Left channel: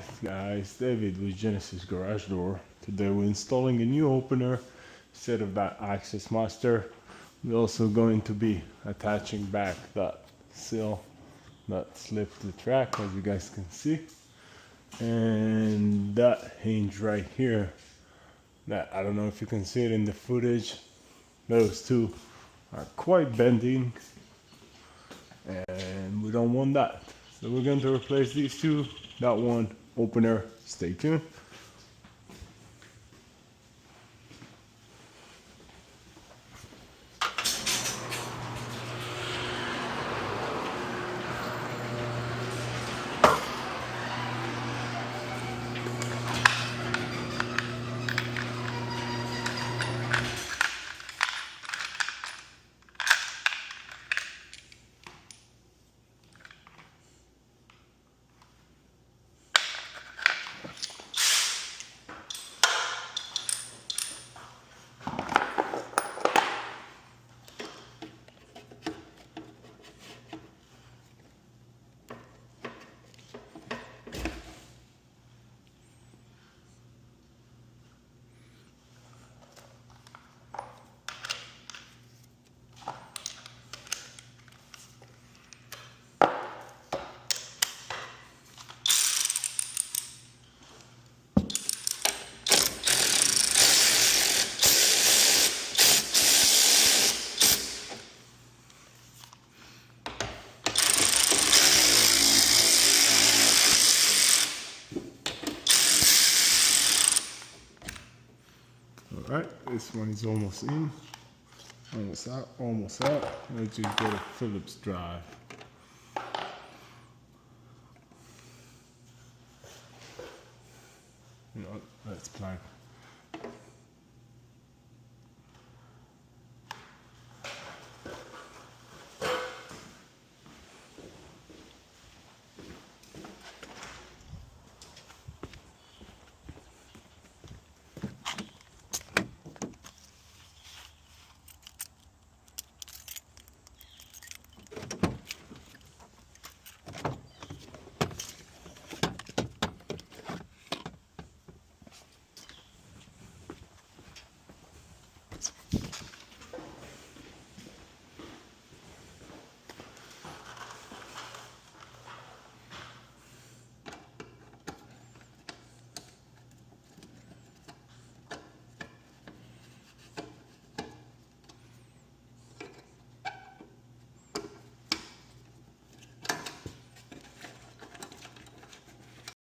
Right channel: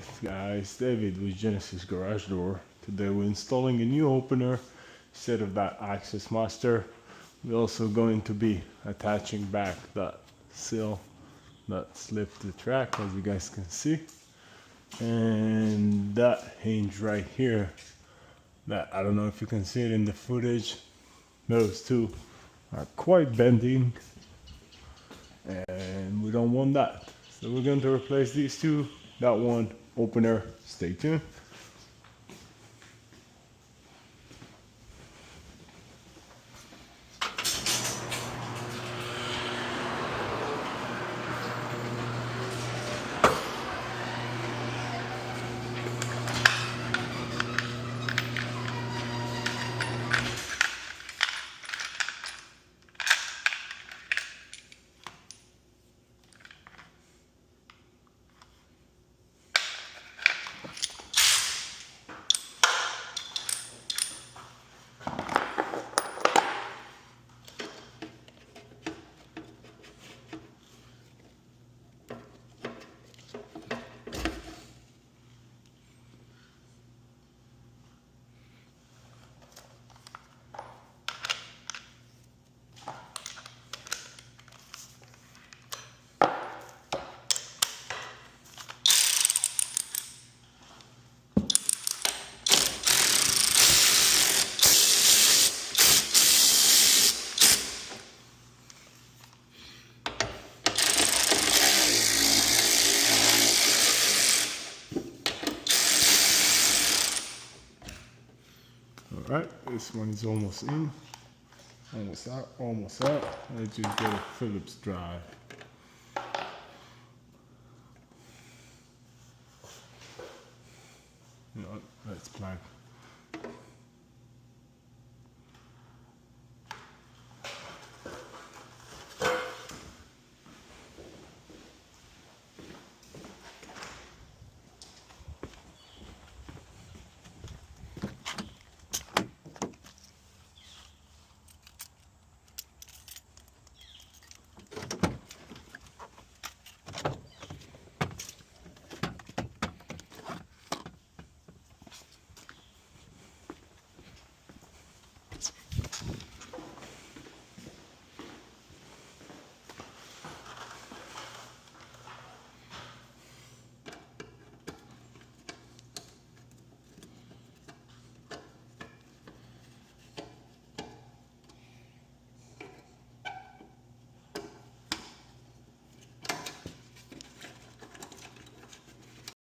Alright guys, David with Genesis Garage Door. Today we're installing a new opener instead of that access master. We're also going to be attaching back that sill that slipped the track, as you guys can see, and that hinge right here that I don't know if you can see it in the footage. Those two are quite bending and we don't want that, so we're going to replace these two. That one opener, stay tuned. Alright, this one is almost in, almost out, almost out. I just got a Phillips drive. You know what, let's plug